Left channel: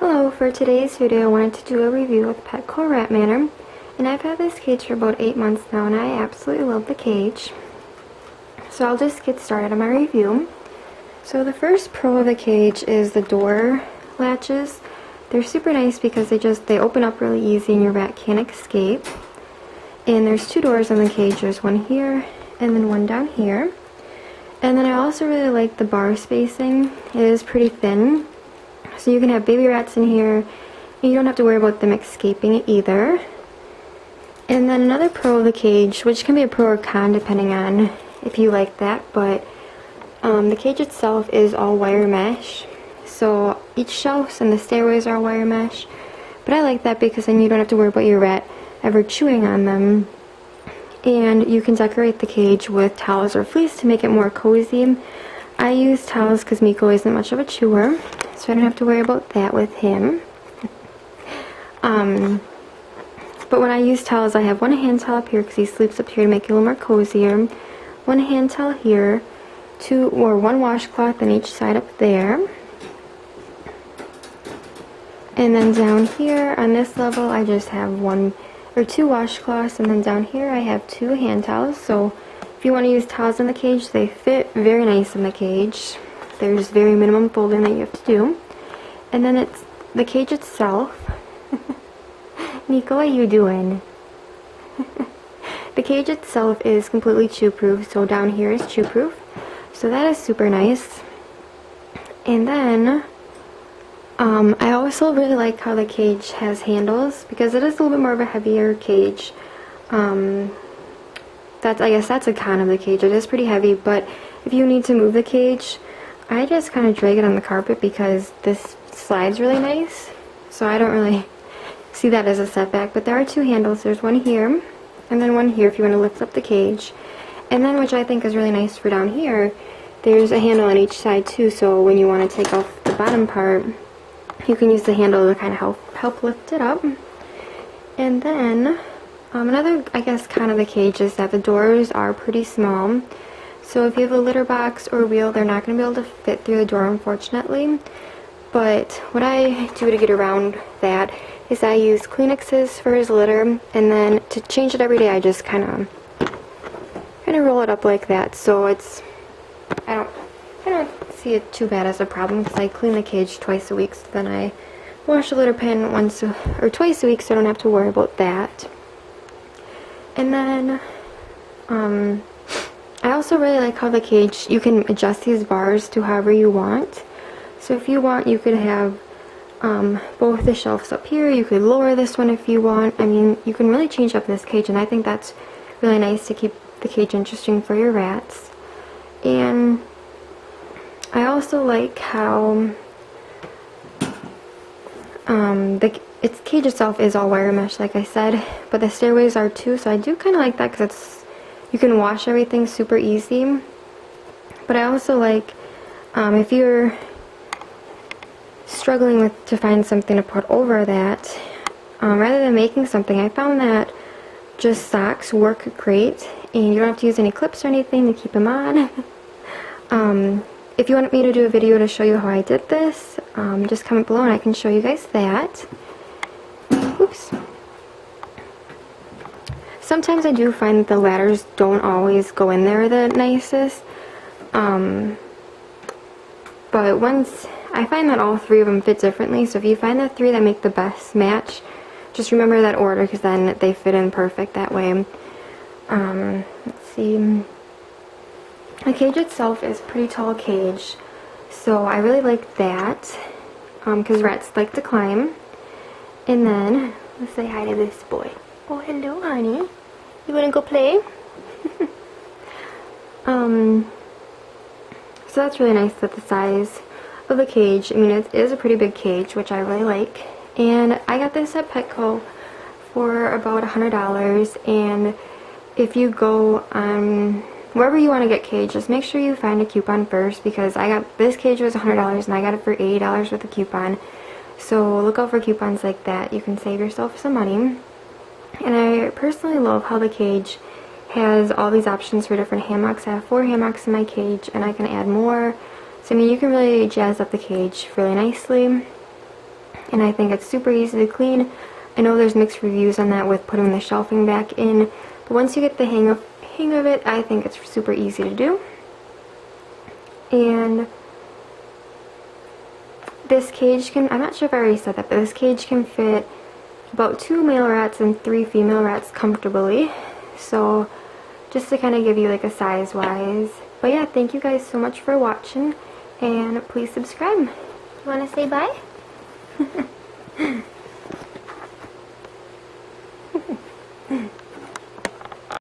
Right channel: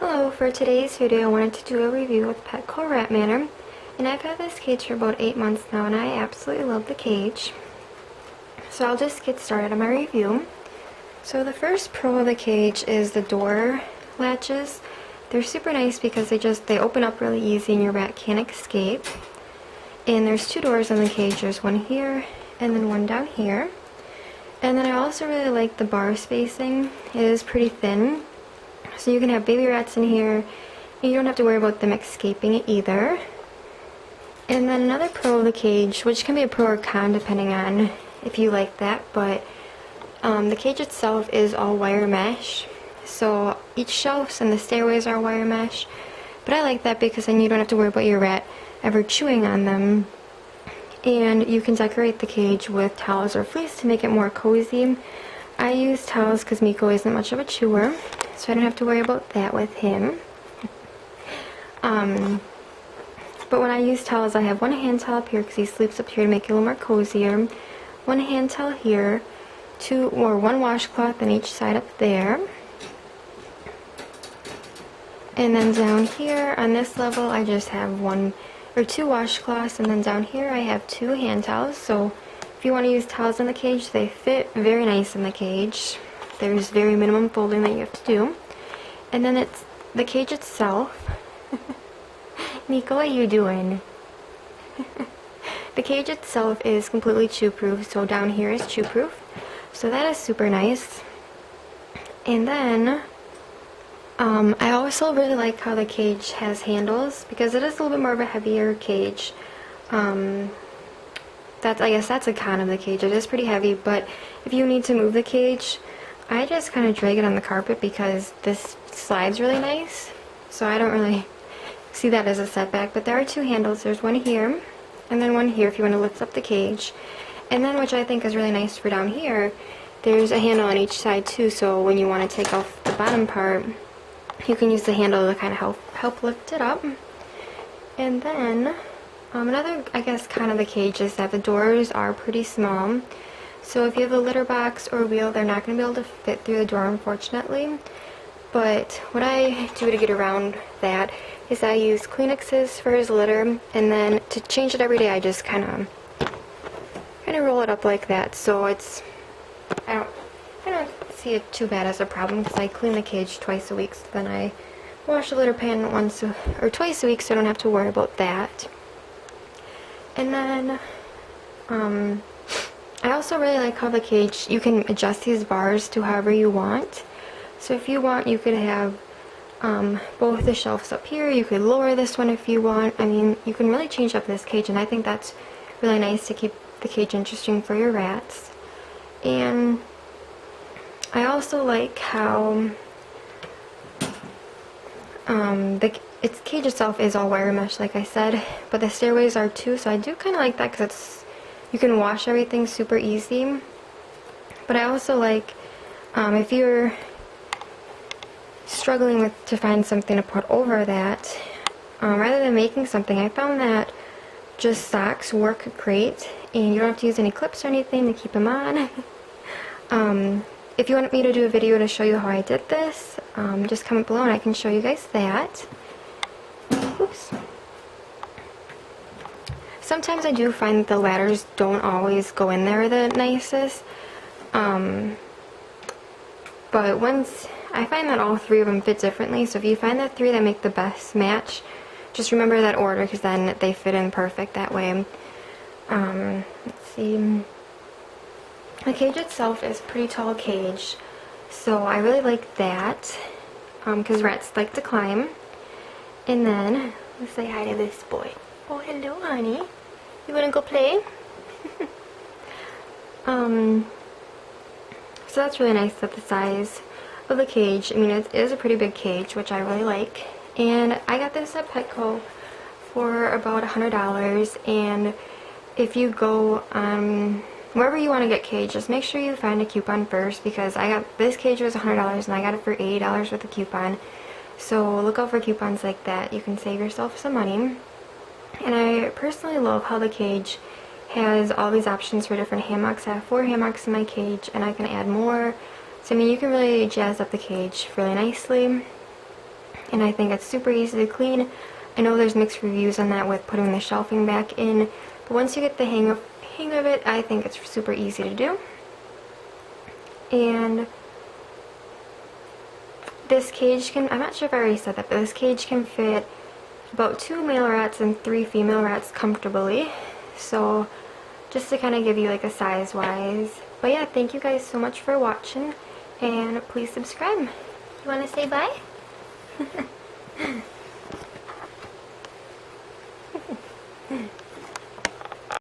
Hello, for today's video I wanted to do a review with Petco Manor, and I've had this cage for about 8 months now and I absolutely love the cage. So I'll just get started on my review. So the first pro of the cage is the door latches. They're super nice because they open up really easy and your rat can't escape. And there's two doors on the cage. There's one here and then one down here. And then I also really like the bar spacing. It is pretty thin. So you can have baby rats in here, and you don't have to worry about them escaping either. And then another pro of the cage, which can be a pro or con depending on if you like that, but the cage itself is all wire mesh. So each shelves and the stairways are wire mesh. But I like that because then you don't have to worry about your rat ever chewing on them. And you can decorate the cage with towels or fleece to make it more cozy. I use towels because Miko isn't much of a chewer, so I don't have to worry about that with him. But when I use towels, I have one hand towel up here because he sleeps up here to make it a little more cozier. One hand towel here, one washcloth on each side up there. And then down here on this level, I just have two washcloths, and then down here I have two hand towels. So if you want to use towels in the cage, they fit very nice in the cage. There's very minimum folding that you have to do. And then it's the cage itself. Nico, what are you doing? The cage itself is completely chew-proof, so down here is chew-proof. So that is super nice. And then I also really like how the cage has handles because it is a little bit more of a heavier cage. I guess that's a con of the cage. It is pretty heavy, but if you need to move the cage, I just kind of drag it on the carpet because this slides really nice. So I don't really see that as a setback, but there are two handles. There's one here, and then one here if you want to lift up the cage. And then, which I think is really nice for down here, there's a handle on each side too, so when you want to take off the bottom part, you can use the handle to kind of help lift it up. And then another, I guess, con of the cage is that the doors are pretty small. So if you have a litter box or a wheel, they're not going to be able to fit through the door, unfortunately. But what I do to get around that is I use Kleenexes for his litter, and then to change it every day, I just kind of roll it up like that. So I don't see it too bad as a problem because I clean the cage twice a week. So then I wash the litter pan twice a week, so I don't have to worry about that. And then I also really like how the cage, you can adjust these bars to however you want. So if you want, you could have both the shelves up here. You could lower this one if you want. I mean, you can really change up this cage, and I think that's really nice to keep the cage interesting for your rats. And I also like how its cage itself is all wire mesh, like I said, but the stairways are too, so I do kind of like that because you can wash everything super easy. But I also like if you're struggling to find something to put over that, rather than making something, I found that just socks work great, and you don't have to use any clips or anything to keep them on. If you want me to do a video to show you how I did this, just comment below and I can show you guys that. Oops. Sometimes I do find that the ladders don't always go in there the nicest. But once I find that all three of them fit differently, so if you find the three that make the best match, just remember that order because then they fit in perfect that way. Let's see. The cage itself is a pretty tall cage, so I really like that because rats like to climb. And then let's say hi to this boy. Oh, hello, honey. You wanna go play? So that's really nice that the size of the cage, I mean, it is a pretty big cage, which I really like. And I got this at Petco for about $100. And if you go on wherever you want to get cages, make sure you find a coupon first, because this cage was $100 and I got it for $80 with a coupon. So look out for coupons like that. You can save yourself some money. And I personally love how the cage has all these options for different hammocks. I have 4 hammocks in my cage and I can add more. So I mean, you can really jazz up the cage really nicely. and I think it's super easy to clean. I know there's mixed reviews on that with putting the shelving back in, but once you get the hang of it, I think it's super easy to do. And this cage can, I'm not sure if I already said that, but this cage can fit about 2 male rats and 3 female rats comfortably. So just to kind of give you like a size wise. But yeah, thank you guys so much for watching, and please subscribe. You want to say bye?